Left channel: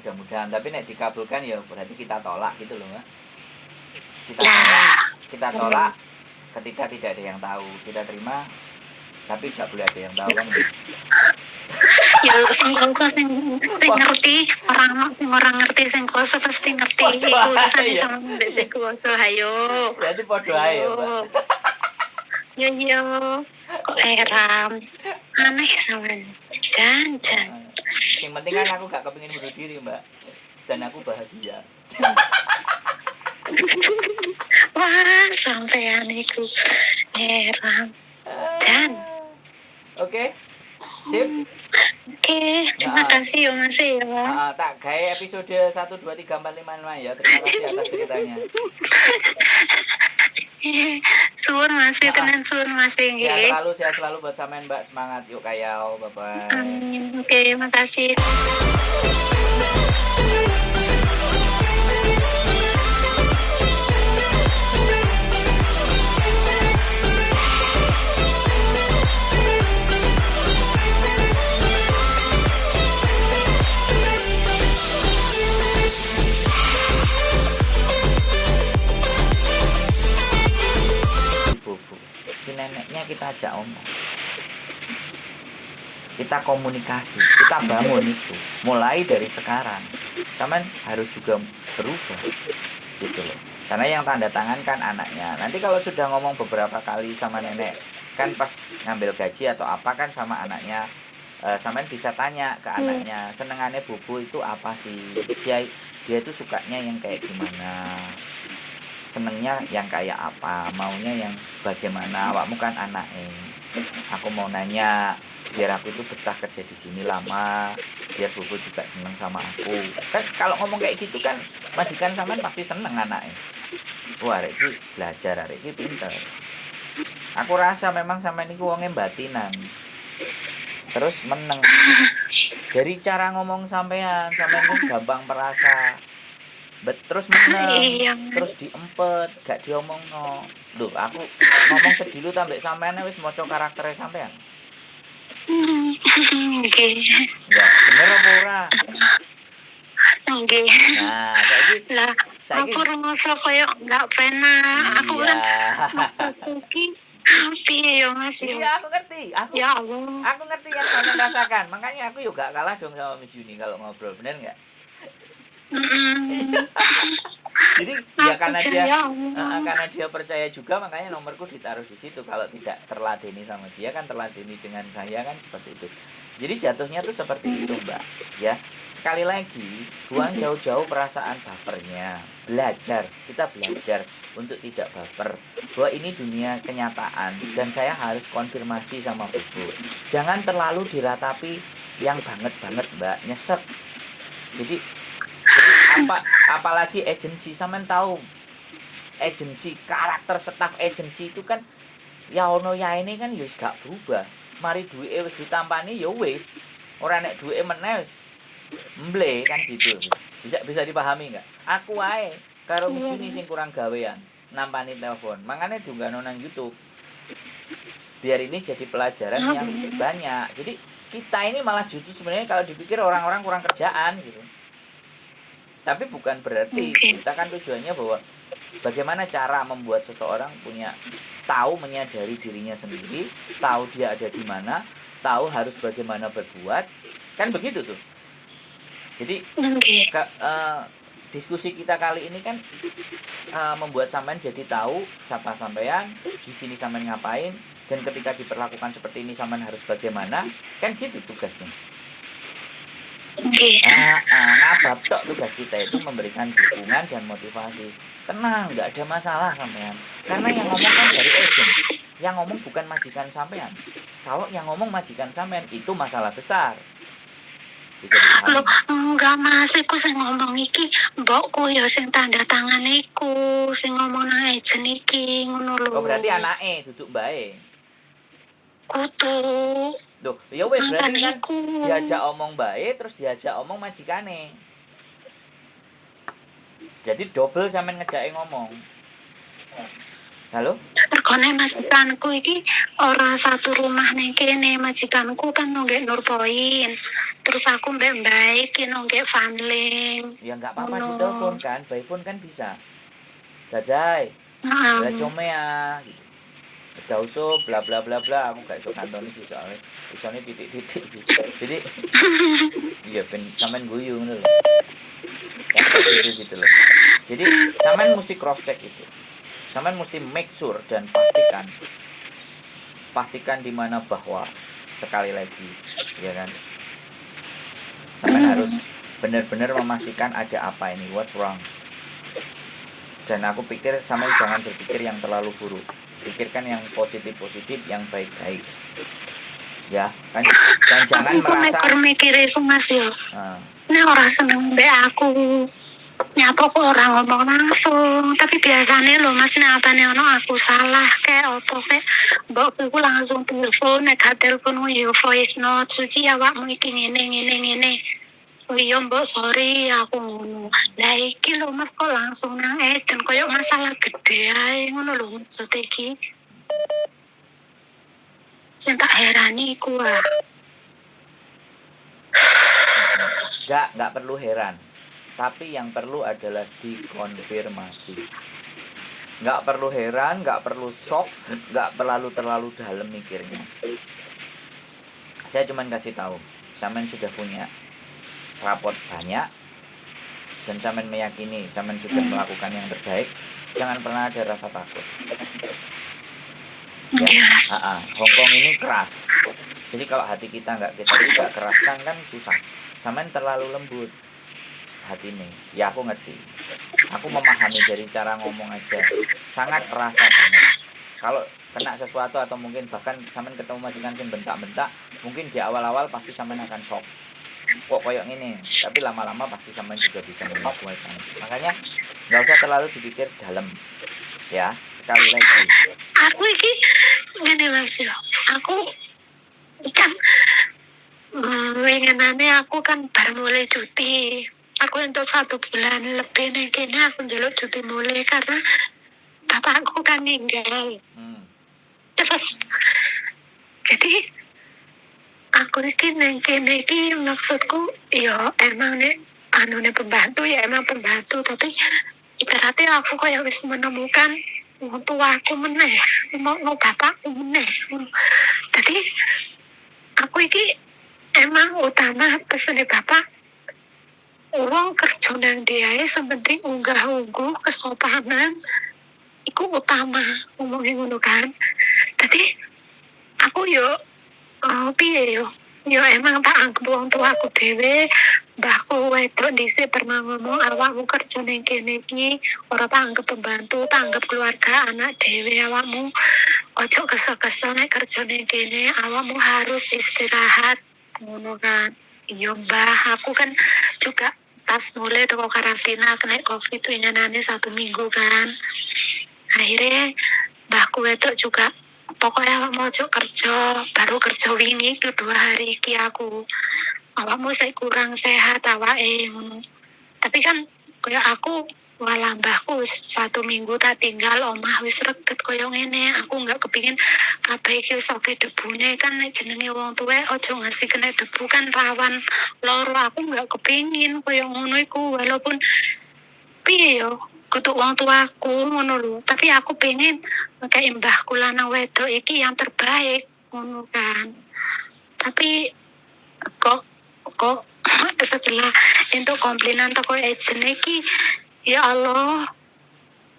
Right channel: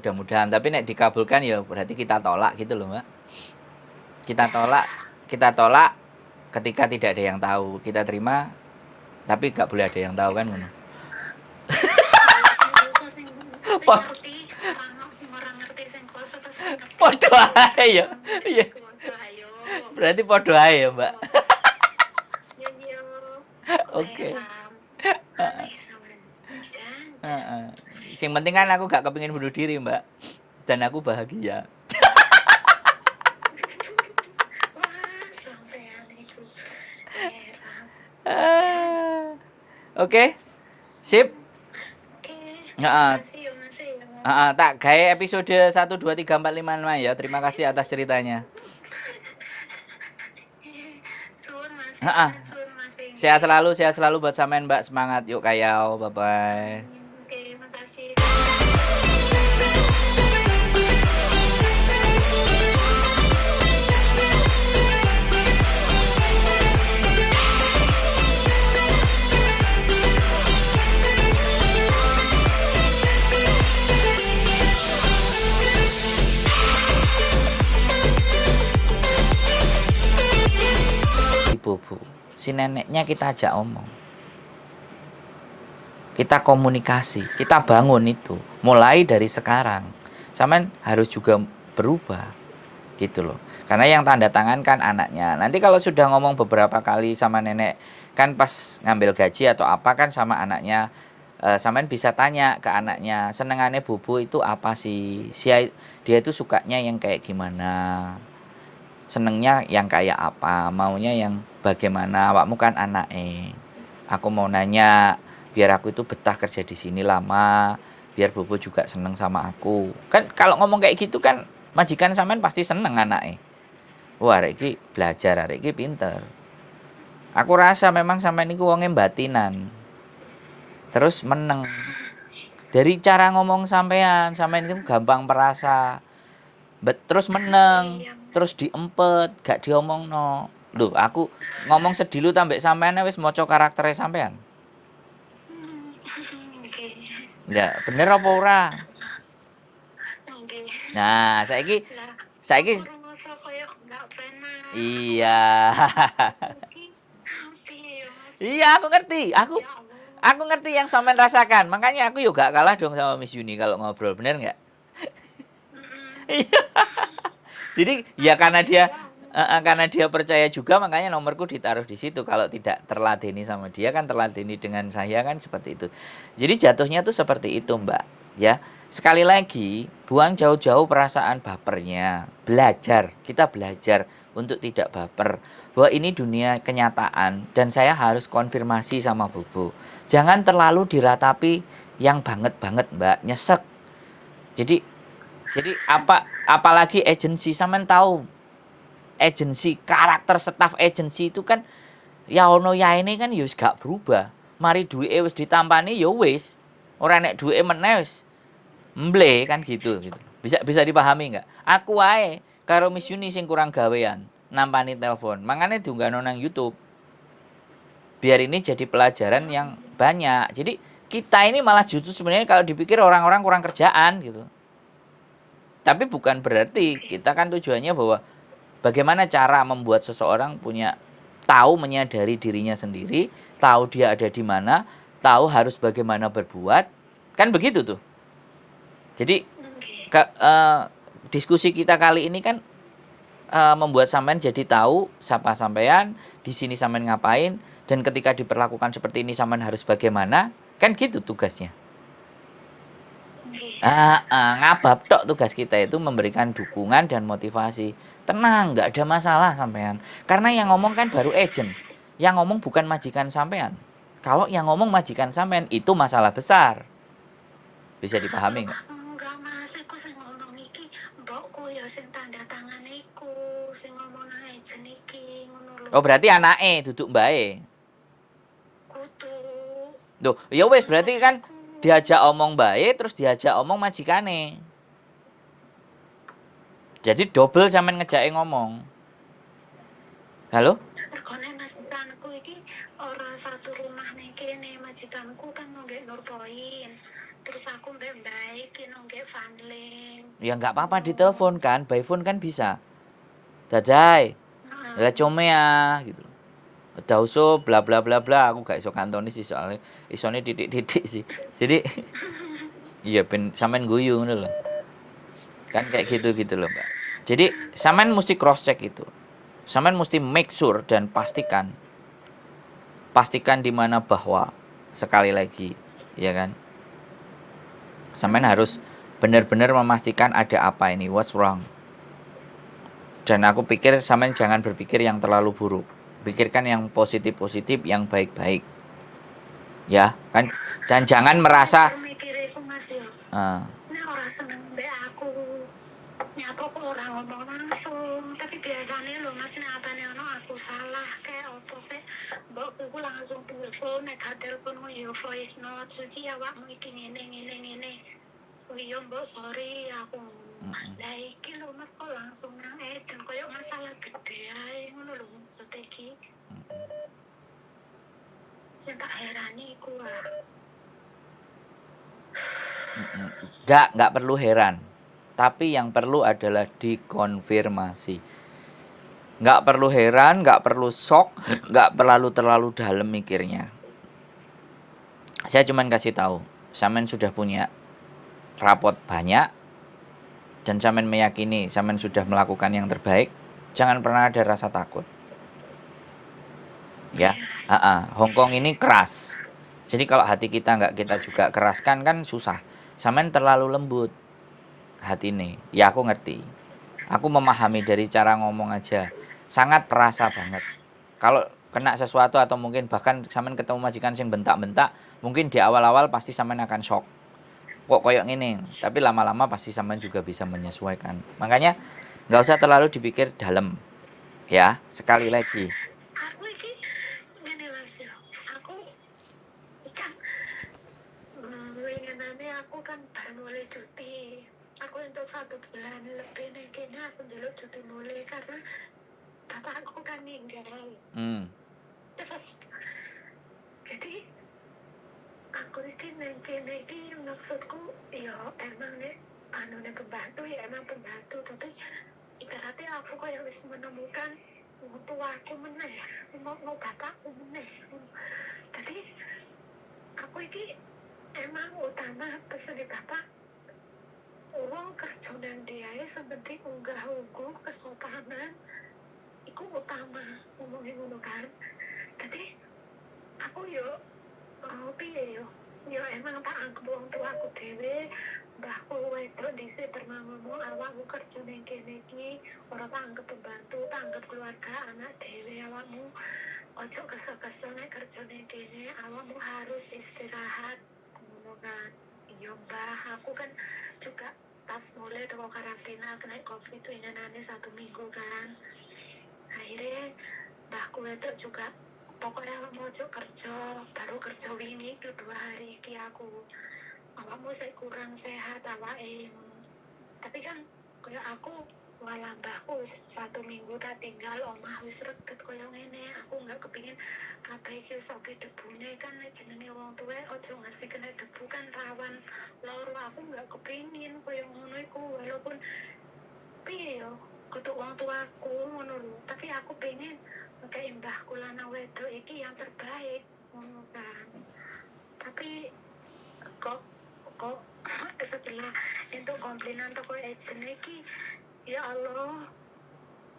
mudah-mudahan. Tapi nek dikabulkan ya berarti kita tolak gitu loh, Mbak. Kita tolak ketika tidak ada yang tahu. Kita terima tapi gak boleh ada yang tahu kan gitu. Ya sing ngerti orang ngerti sing kuasa pasti ngerti iku Iya. kuasa ayo. Berarti podo ae ya, Mbak. Yo. Kok heran. Aneh sampean. Jangan. Yang penting kan aku gak kepengin bunuh diri, Mbak. Dan aku bahagia. Wah, sampean iku heran. Oke. Sip. Oke, terima kasih ya Mas ya. Tak gawe episode 1 2 3 4 5 6 ya. Terima kasih atas ceritanya. Suwun Mas, tenan suwun Mas. Sehat selalu buat sampean Mbak. Semangat yuk kayau. Bye bye. Oke, makasih. Si neneknya kita ajak omong, kita komunikasi, kita bangun itu mulai dari sekarang. Sampean harus juga berubah gitu loh, karena yang tanda tangan kan anaknya. Nanti kalau sudah ngomong beberapa kali sama nenek kan pas ngambil gaji atau apa kan sama anaknya, sampean bisa tanya ke anaknya, senengannya Bobo itu apa sih, dia itu sukanya yang kayak gimana, senengnya yang kayak apa, maunya yang bagaimana. Awakmu kan anaknya, aku mau nanya biar aku itu betah kerja di sini lama, biar Bobo juga seneng sama aku. Kan kalau ngomong kayak gitu kan majikan sampean pasti seneng anaknya. Wah, arek iki belajar, arek iki pinter. Aku rasa memang sampean iku wonge batinan. Terus meneng. Dari cara ngomong sampean itu gampang perasa. Terus meneng, terus diempet, gak diomongno. Lho, aku ngomong sedilu tambek sampean wis maca karaktere sampean. Nggih. Ya, bener apa ora? Nggih. Nah, saiki aku rasa koyo enggak penak. Iya. Piye ya Mas? Iya, aku ngerti. Ya Allah. Aku ngerti yang sampean rasakan. Makanya aku juga gak kalah dong sama Miss Yuni kalau ngobrol, bener enggak? Jadi ya karena dia percaya juga, makanya nomorku ditaruh di situ. Kalau tidak terladeni sama dia kan terladeni dengan saya kan seperti itu. Jadi jatuhnya tuh seperti itu, Mbak. Ya, sekali lagi buang jauh-jauh perasaan bapernya. Kita belajar untuk tidak baper. Bahwa ini dunia kenyataan dan saya harus konfirmasi sama Bobo. Jangan terlalu diratapi yang banget-banget, Mbak. Nyesek. Jadi apalagi agensi, sampean tahu agensi, karakter staf agensi itu kan ya ono ya ini kan ya wis gak berubah. Mari duwike wis ditampani ya wis. Ora nek duwike meneh wis mble kan gitu. Bisa dipahami enggak? Aku wae karo Miss Yuni sing kurang gawean nampani telepon. Mangane diunggahno nang YouTube. Biar ini jadi pelajaran yang banyak. Jadi kita ini malah justru sebenarnya kalau dipikir orang-orang kurang kerjaan gitu. Tapi bukan berarti kita kan tujuannya bahwa bagaimana cara membuat seseorang tahu menyadari dirinya sendiri, tahu dia ada di mana, tahu harus bagaimana berbuat, kan begitu tuh. Jadi diskusi kita kali ini kan membuat sampean jadi tahu siapa sampean, di sini sampean ngapain, dan ketika diperlakukan seperti ini sampean harus bagaimana, kan gitu tugasnya. Ngabab tok tugas kita itu memberikan dukungan dan motivasi. Tenang, nggak ada masalah sampean. Karena yang ngomong kan dari agent. Yang ngomong bukan majikan sampean. Kalau yang ngomong majikan sampean itu masalah besar. Bisa dipahami? Enggak Mas, iku sing ngomong iki mbokku ya sing tanda tangan iku, sing ngomong nang agent iki ngono lho. Oh, berarti anake duduk mbake. Kudu. Duh, ya wes berarti kan diajak omong bae terus diajak omong majikane. Jadi double sampean ngejake ngomong. Halo? Regane majikanku iki ora satu rumah ning kene. Majikanku kan nonggek Nurpoint. Terus aku mbek Mbak iki nonggek Fanling. Ya nggak apa-apa Ngono. ditelepon kan, by phone kan bisa. Dadai, ya Heeh. come ya gitu. Dauso bla bla bla bla, aku gak iso kantoni sih soalnya isone titik-titik sih. Jadi iya ben sampean guyu ngono lho. Kan kayak gitu-gitu loh. Jadi sampean mesti cross check itu. Sampean mesti make sure dan pastikan di mana bahwa sekali lagi, ya kan? Sampean harus benar-benar memastikan ada apa ini, what's wrong. Dan aku pikir sampean jangan berpikir yang terlalu buruk. Pikirkan yang positif-positif, yang baik-baik. Ya, kan? Dan jangan Aku merasa mikir iku Mas yo. ah, Nek ora seneng mbek aku. Nyapa kok ora ngomong langsung, tapi biasanya lo Mas nek apane ono aku salah kayak opo kayak mbokku langsung telepon, nek gak telepon yo voice note, suci awakmu iki ngene. Oh iya mbok sorry aku ngono. Lah iki lho Mas kok langsung nang ejen koyo masalah gede ae ngono lho maksud iki. Sing tak herani iku nggak perlu heran. Tapi yang perlu adalah dikonfirmasi. Nggak perlu heran, nggak perlu shock, nggak terlalu dalam mikirnya. Saya cuman kasih tahu, sampean sudah punya rapot banyak dan sampean meyakini sampean sudah melakukan yang terbaik. Jangan pernah ada rasa takut. Ya, Yes. Hongkong ini keras. Jadi kalau hati kita nggak kita juga keraskan kan susah. Sampean terlalu lembut hati ini. Ya aku ngerti. Aku memahami dari cara ngomong aja. Sangat perasa banget. Kalau kena sesuatu atau mungkin bahkan sampean ketemu majikan sing bentak-bentak, mungkin di awal-awal pasti sampean akan shock. Kok koyok gini, tapi lama-lama pasti sampean juga bisa menyesuaikan. Makanya nggak usah terlalu dipikir dalam. Ya, sekali lagi. Aku iki ngene Mas yo. Aku kan winginane aku kan baru mulai cuti. Aku untuk 1 bulan lebih nih kene aku njaluk cuti mulai karena bapakku kan meninggal. Terus jadi aku iki neng kene iki maksudku ya emang nek anune pembantu ya emang pembantu tapi ibaratnya aku kayak wis menemukan wong tuaku meneh, mau bapakku meneh. Jadi aku iki emang utama pesene bapak uang kerja nang diae sepenting unggah-ungguh kesopanan iku utama ngomongin ngono kan. Jadi aku yo piye yo emang tak anggap wong tua aku dhewe mbahku wedok dhisik pernah ngomong awakmu kerja ning kene iki ora tak anggap pembantu tak anggap keluarga anak dhewe awakmu ojo kesel-kesel nek kerja ning kene awakmu harus istirahat ngono kan. Iya mbah aku kan juga pas mulai toko karantina kena covid itu nyanane 1 minggu kan akhirnya mbahku wedok juga pokoknya awak mau kerja baru kerja wingi itu 2 hari iki aku awakmu saya kurang sehat awake ngono tapi kan kayak aku walah mbahku 1 minggu tak tinggal omah wis reget koyo ngene aku nggak kepingin kabeh iki wis oke debune kan nek jenenge wong tuwa ojo ngasih kena debu kan rawan loro aku nggak kepingin koyo ngono iku walaupun piye yo kutuk wong tuaku ngono lho tapi aku pengen kayak mbahku lanang wedok iki yang terbaik ngono kan tapi kok setelah itu komplainan toko agent iki ya Allah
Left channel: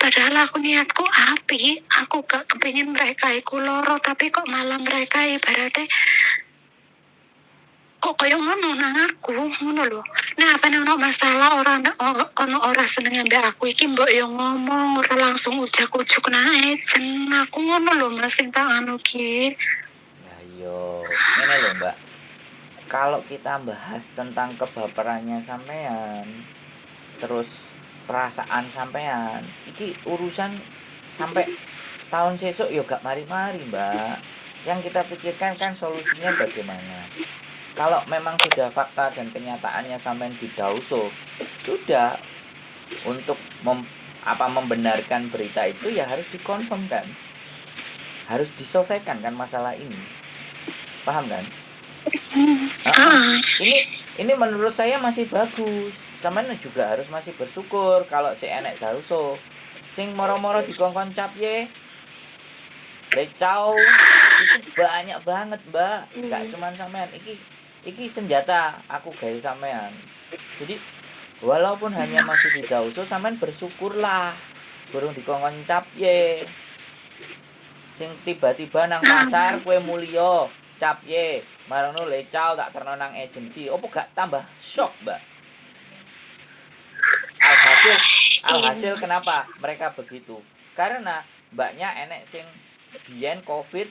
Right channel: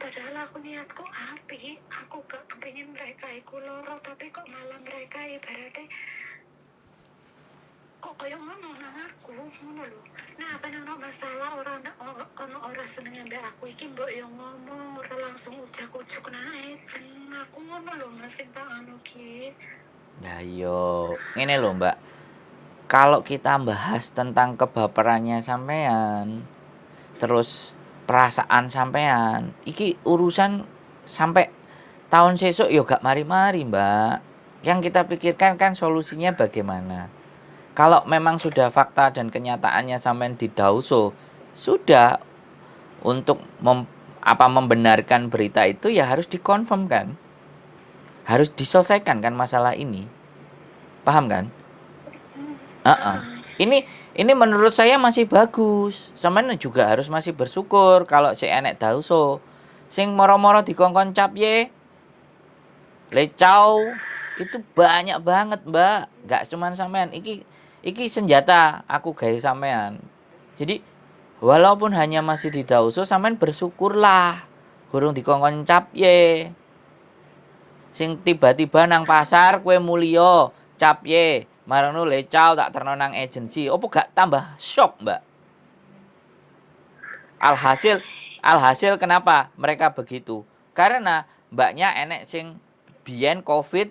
padahal aku niatku api aku gak kepingin mereka iku loro tapi kok malah mereka ibaratnya kok kayak ngono nang aku ngono lho nah apa ono masalah orang ono ora seneng ambek aku iki mbok yo ngomong ora langsung ujak-ujuk nang agent aku ngono lho Mas sing tak anu ki Nah yo, ini loh Mbak. Kalau kita bahas tentang kebaperannya sampean, terus perasaan sampean, iki urusan sampai tahun sesuk yo gak mari-mari Mbak. Yang kita pikirkan kan solusinya bagaimana. Kalau memang sudah fakta dan kenyataannya sampean didauso, sudah untuk apa membenarkan berita itu ya harus dikonfirm kan, harus diselesaikan kan masalah ini, paham kan? Ini menurut saya masih bagus. Sampeyan juga harus masih bersyukur kalau si enek dauso sing moro-moro dikongkon cap ye lecau itu banyak banget mbak, nggak cuman sampean. Iki senjata aku gawe sampean. Jadi walaupun hanya masih di dauso, sampean bersyukurlah burung dikongkon cap ye. Sing tiba-tiba nang pasar kue mulio cap ye marono lecau tak terno nang agensi, opo gak tambah shock mbak? Alhasil kenapa mereka begitu? Karena mbaknya enek sing biyen covid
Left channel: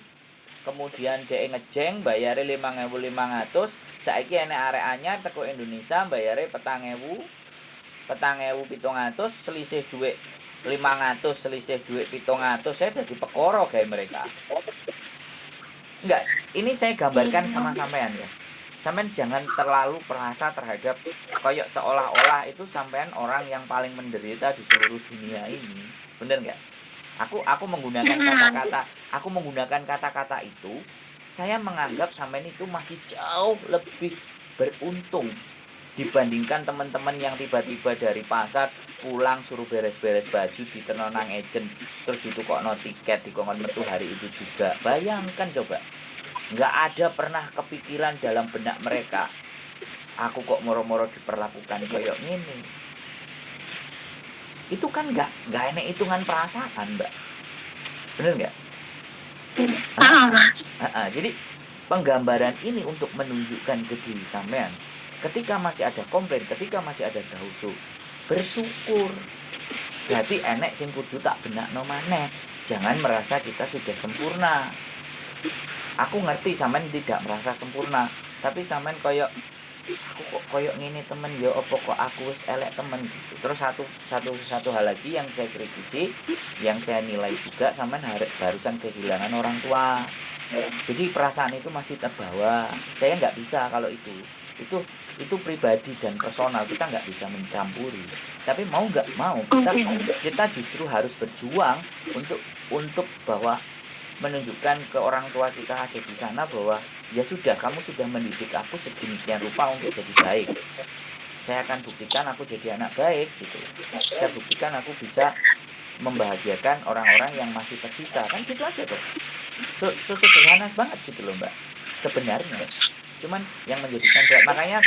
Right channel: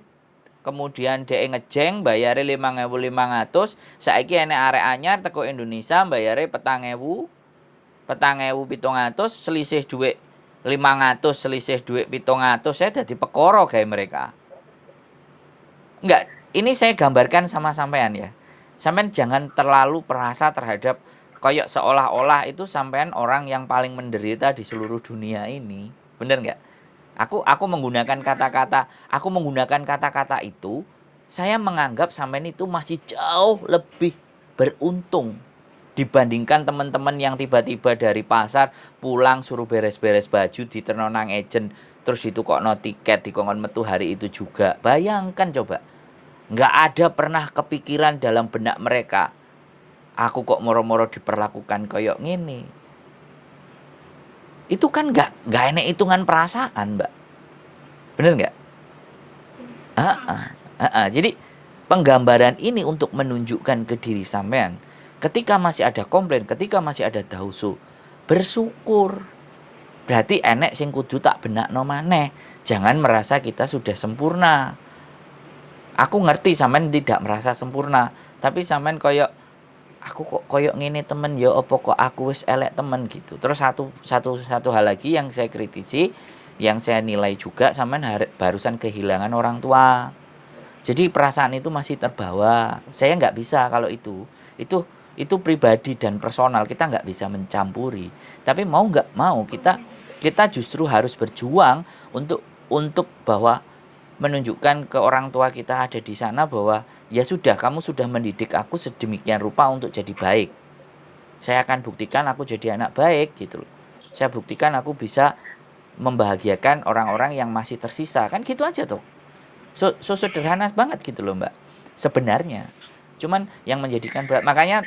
kemudian dhek ngejeng bayare 5.500, saiki enek arek anyar teko Indonesia bayare 4.700, selisih duit 500, selisih duit 700, saya dadi perkara gawe mereka. Enggak, ini saya gambarkan sama sampean ya. Sampean jangan terlalu perasa terhadap koyok seolah-olah itu sampean orang yang paling menderita di seluruh dunia ini. Bener nggak? Aku menggunakan kata-kata itu, saya menganggap sampean itu masih jauh lebih beruntung dibandingkan teman-teman yang tiba-tiba dari pasar pulang suruh beres-beres baju di nang agent, terus itu kok no tiket dikongkon metu hari itu juga. Bayangkan coba, nggak ada pernah kepikiran dalam benak mereka aku kok moro-moro diperlakukan koyok gini. Itu kan nggak enek hitungan perasaan mbak, bener nggak? Jadi penggambaran ini untuk menunjukkan ke diri sampean, ketika masih ada komplain, ketika masih ada dausu, bersyukur. Berarti enek sing kudu tak benakno maneh. Jangan merasa kita sudah sempurna. Aku ngerti sampean tidak merasa sempurna, tapi sampean koyok aku kok koyok ngene temen ya apa kok aku wis elek temen gitu. Terus satu hal lagi yang saya kritisi, yang saya nilai juga, sampean barusan kehilangan orang tua. Jadi perasaan itu masih terbawa. Saya nggak bisa kalau itu pribadi dan personal, kita nggak bisa mencampuri. Tapi mau nggak mau kita justru harus berjuang untuk bahwa menunjukkan ke orang tua kita ada di sana bahwa ya sudah, kamu sudah mendidik aku sedemikian rupa untuk jadi baik. Saya akan buktikan aku jadi anak baik gitu loh. Saya buktikan aku bisa membahagiakan orang-orang yang masih tersisa. Kan gitu aja tuh. So sederhana banget gitu loh mbak sebenarnya. Cuman yang menjadikan berat, makanya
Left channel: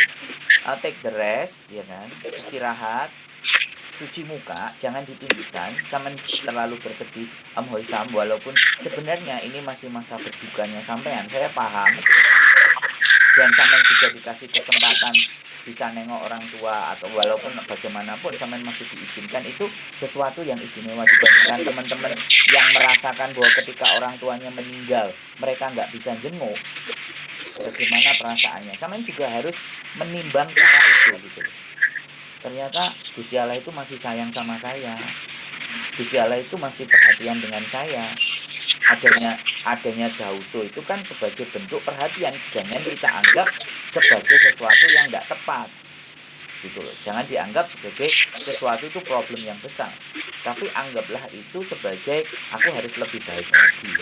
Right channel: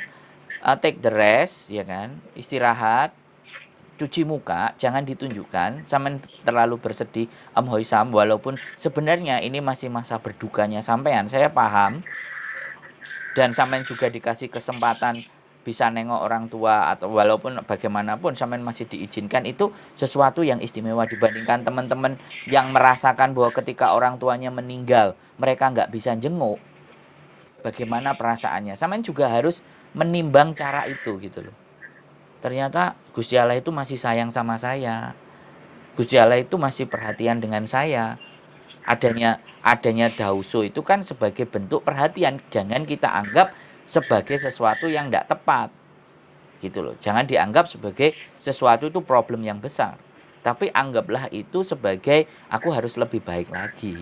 take the rest ya kan, istirahat, cuci muka, jangan ditunjukkan sampean terlalu bersedih hoisam, walaupun sebenarnya ini masih masa berdukanya sampean, saya paham. Dan sampean juga dikasih kesempatan bisa nengok orang tua, atau walaupun bagaimanapun sampean masih diizinkan, itu sesuatu yang istimewa dibandingkan teman-teman yang merasakan bahwa ketika orang tuanya meninggal mereka nggak bisa jenguk. Bagaimana perasaannya? Sampean juga harus menimbang cara itu gitu loh. Ternyata Gusti Allah itu masih sayang sama saya. Gusti Allah itu masih perhatian dengan saya. Adanya dauso itu kan sebagai bentuk perhatian. Jangan kita anggap sebagai sesuatu yang tidak tepat. Gitu loh. Jangan dianggap sebagai sesuatu itu problem yang besar. Tapi anggaplah itu sebagai aku harus lebih baik lagi.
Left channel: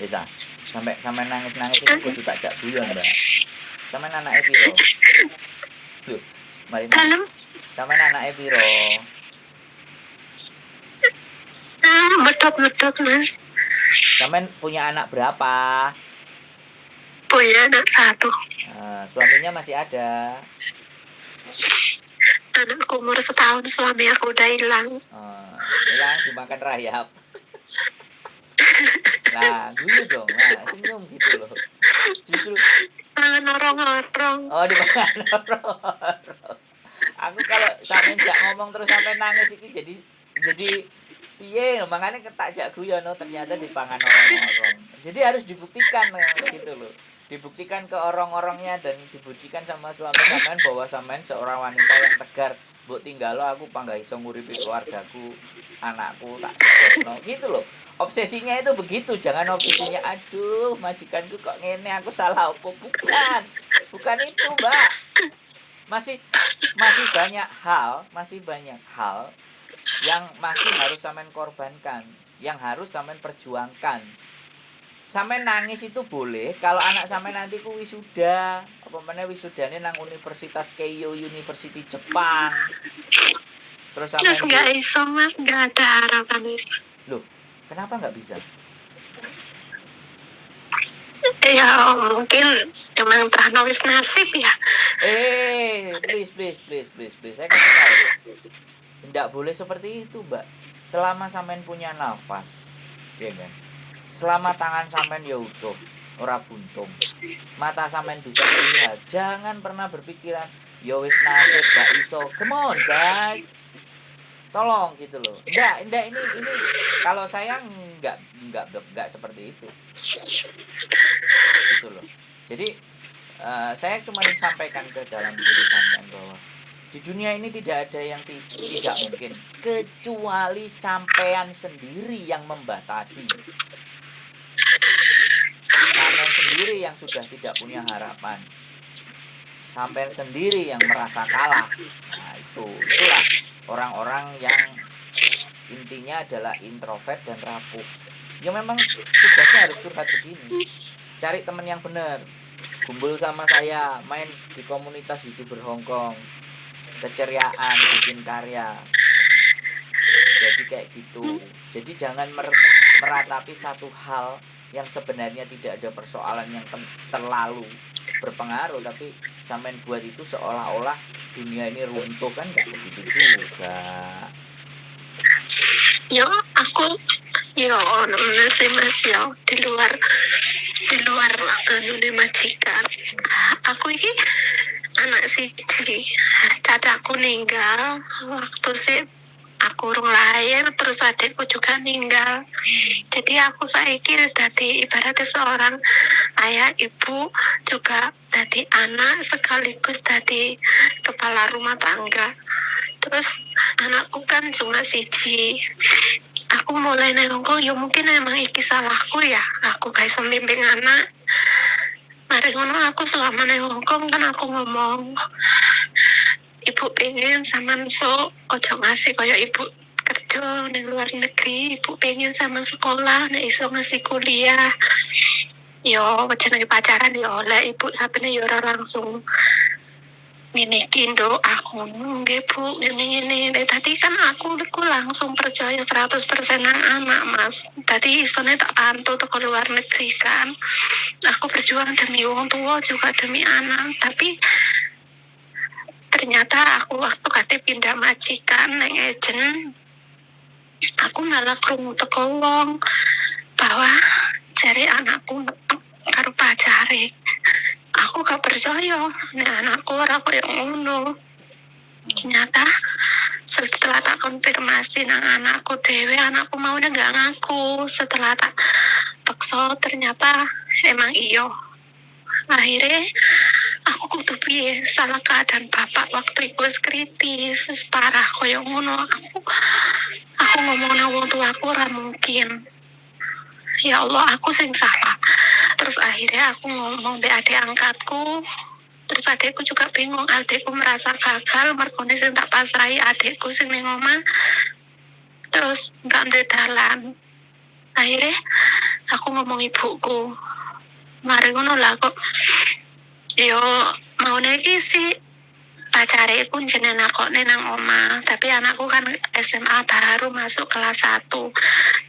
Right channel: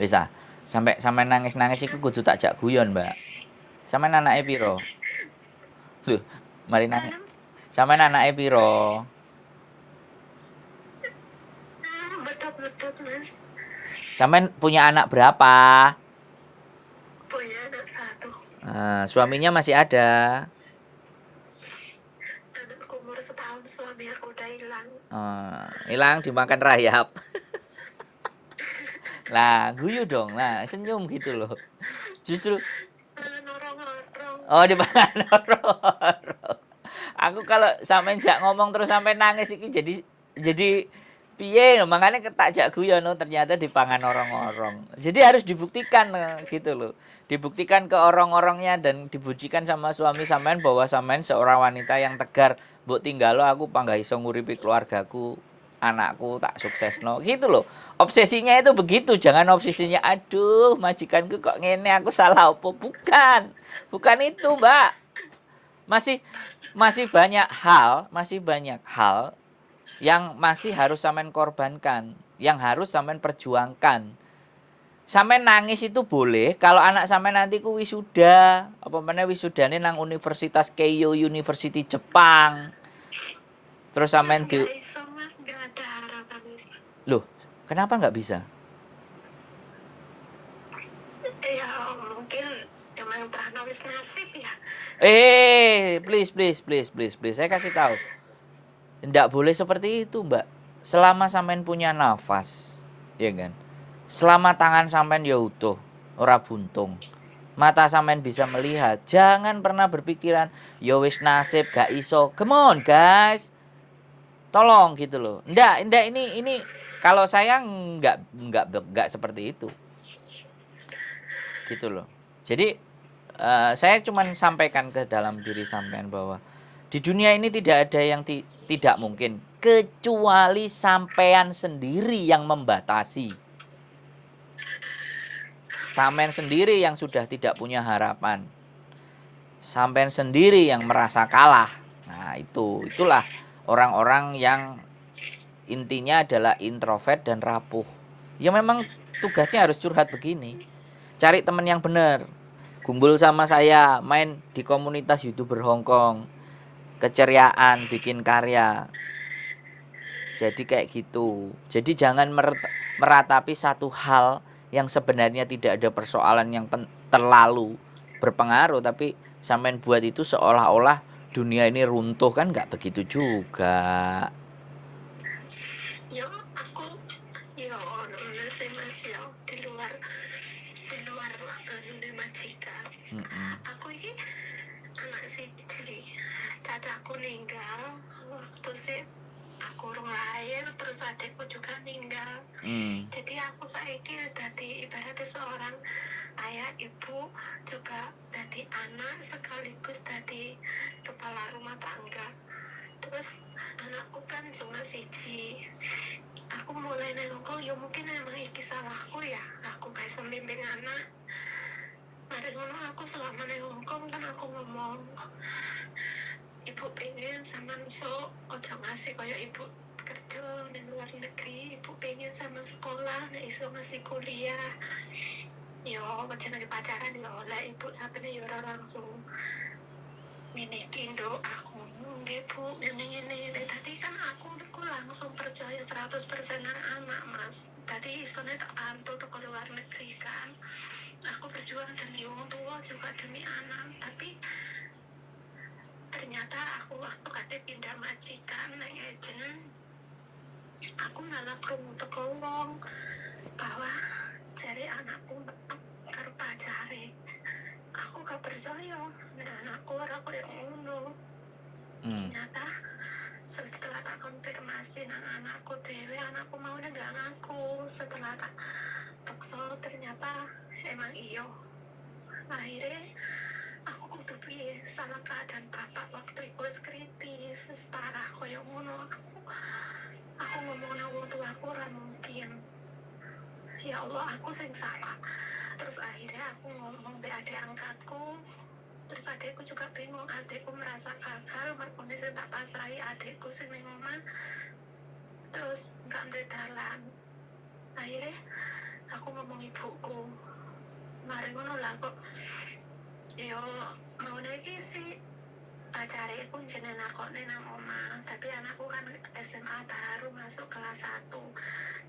Bisa. Sampai nangis-nangis itu kudu tak jak guyon, Mbak. Sampai anake piro? Loh, mari nangis. Sampai anake piro? Betul mas. Sampai punya anak berapa? Punya anak 1. Suaminya masih ada? Anakku umur 1 tahun, suami aku udah hilang. Hilang dimakan rayap. Nah, guyu dong, nah senyum gitu loh. Justru norong-norong. Oh, dimakan norong-norong. Aku kalau sampai jak ngomong terus sampai nangis iki jadi piye, makanya tak jak guyon, ternyata dipangan orang-orang. Jadi harus dibuktikan gitu loh. Dibuktikan ke orang-orangnya dan dibuktikan sama suami sampean bahwa sampean seorang wanita yang tegar. Mbok tinggalo aku panggah iso nguripi keluargaku, anakku tak suksesno gitu loh. Obsesinya itu begitu, jangan obsesinya aduh majikanku kok ngene, aku salah opo. Bukan itu, Mbak. Masih banyak hal yang masih harus sampean korbankan, yang harus sampean perjuangkan. Sampean nangis itu boleh kalau anak sampean nanti ku wisuda, apa meneh wisudane nang Universitas Keio University Jepang. Terus Terus sampean nggak iso mas, nggak ada harapan mas. Loh, kenapa nggak bisa? Ya mungkin emang wis nasib ya. Please. Saya kasih tahu. Nggak boleh seperti itu, Mbak. Selama sampean punya nafas, ya kan? Selama tangan sampean ya utuh, ora buntung. Mata sampean bisa melihat, jangan pernah berpikiran ya wis nasib gak iso. Come on, guys. Tolong gitu loh. Ndak ini kalau saya nggak seperti itu. Gitu loh. Jadi saya cuma sampaikan ke dalam diri sampean bahwa di dunia ini tidak ada yang tidak mungkin kecuali sampean sendiri yang membatasi. Sampean sendiri yang sudah tidak punya harapan. Sampean sendiri yang merasa kalah. Nah, itulah orang-orang yang intinya adalah introvert dan rapuh. Ya memang tugasnya harus curhat begini. Cari teman yang benar. Kumpul sama saya, main di komunitas YouTuber Hongkong. Keceriaan, bikin karya. Jadi kayak gitu. Jadi jangan meratapi satu hal yang sebenarnya tidak ada persoalan yang terlalu berpengaruh, tapi sampean buat itu seolah-olah dunia ini runtuh, kan nggak begitu juga. Yo aku ono sih mas yo di luar anu majikan. Aku ini anak siji, cacakku ninggal waktu sih aku urung lahir, terus adikku juga ninggal. Jadi aku saiki wis dadi ibaratnya seorang ayah ibu, juga dadi anak sekaligus dadi kepala rumah tangga. Terus anakku kan cuma siji. Aku mulai nengok, ya mungkin emang iki salahku ya, aku gak iso bimbing anak. Mari ngono aku selama neng Hongkong kan aku ngomong, ibu pengen sampean sok ojo ngasih kaya ibu kerja neng luar negeri, ibu pengen sampean sekolah nek iso ngasih kuliah. Yo jenenge pacaran yo oleh ibu sapene yo ora langsung ngene iki nduk, aku nggih Bu ngene tadi kan aku langsung percaya 100% nang anak Mas. Tadi isone tak pantau ke luar negeri kan. Aku berjuang demi wong tua juga demi anak, tapi ternyata aku waktu kate pindah majikan nang ejen, aku malah krungu teko wong bahwa jare anakku karo pacare. Aku gak percaya nek anakku ora koyo ngono. Ternyata setelah tak konfirmasi nang anakku dewe, anakku maunya gak ngaku. Setelah tak paksa ternyata emang iyo. Akhirnya aku kudu piye, salah keadaan bapak waktu itu kritis, parah koyo ngono. Aku ngomong nang wong tuaku ora mungkin. Ya Allah, aku sing salah. Terus akhirnya aku ngomong be adik angkatku. Terus adikku juga bingung, adikku merasa gagal merkone sing tak pasrahi adikku sing ning omah. Terus gak ndek dalan. Akhirnya aku ngomong ibuku. Mari ngono lah kok yo maune iki sih pacare iku jenenge nakone nang omah, tapi anakku kan SMA baru masuk kelas 1.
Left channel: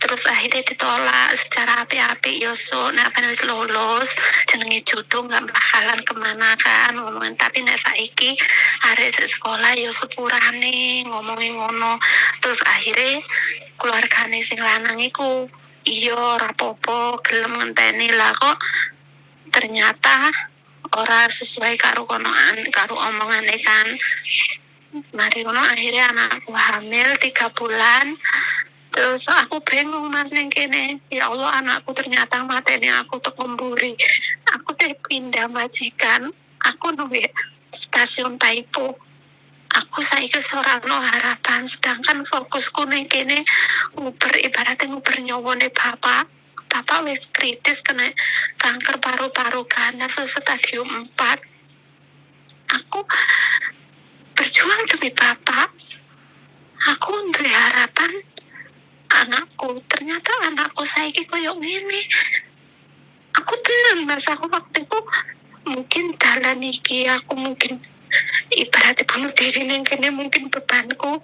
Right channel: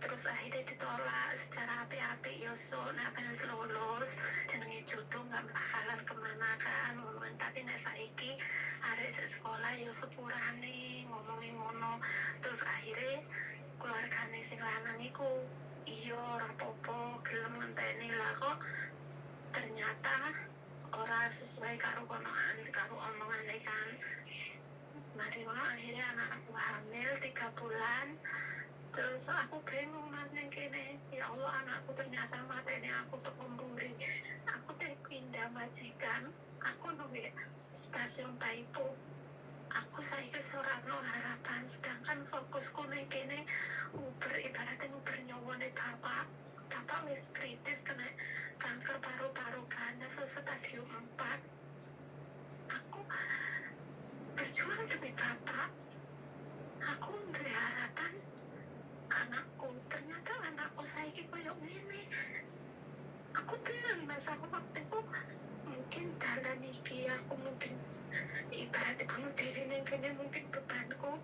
Terus akhirnya ditolak secara api-api, yo nek wis lulus jenenge jodoh nggak bakalan kemana kan ngomongin. Tapi nek saiki arek sekolah yo sepurane ngomongin ngono. Terus akhirnya keluargane sing lanang iku iya rapopo gelem ngenteni lah, kok ternyata ora sesuai karo omongane kan. Mari ngono akhirnya anakku hamil 3 bulan. Terus aku bingung Mas ning kene. Ya Allah, anakku ternyata mateni aku teko mburi. Aku teh pindah majikan. Aku nunggu stasiun Taipo. Aku saiki ora ono harapan, sedangkan fokusku ning kene ibaratnya nguber nyawane bapak. Bapak wis kritis kena kanker paru-paru ganas stadium 4. Aku berjuang demi bapak. aku duwe harapan anakku, ternyata anakku saiki koyo ngene. Aku tenang Mas, aku waktu itu mungkin dalan iki aku mungkin ibaratnya bunuh diri neng kene, mungkin bebanku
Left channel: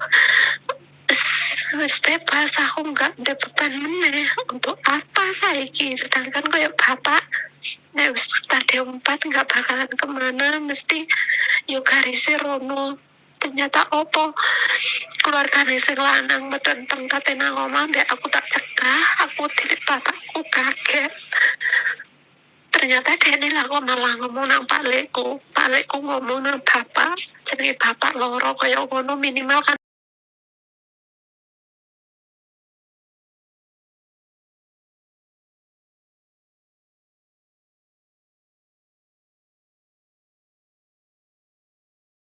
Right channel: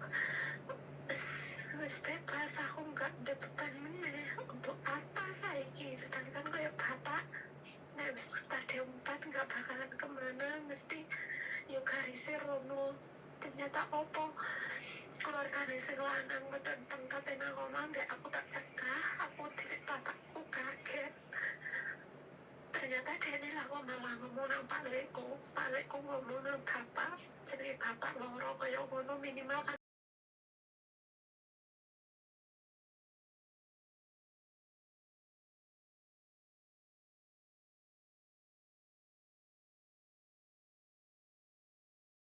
wis bebas, aku nggak ada beban meneh. Untuk apa saiki, sedangkan kayak bapak nek wis stadium 4 nggak bakalan kemana, mesti yo garisnya rono. Ternyata opo keluargane sing lanang metenteng kate nang omah, mbek aku tak cegah, aku tilik bapakku kaget. Ternyata dia ini malah ngomong nang Pak Lekku ngomong nang bapak, jenenge bapak loro kaya ngono, minimal kan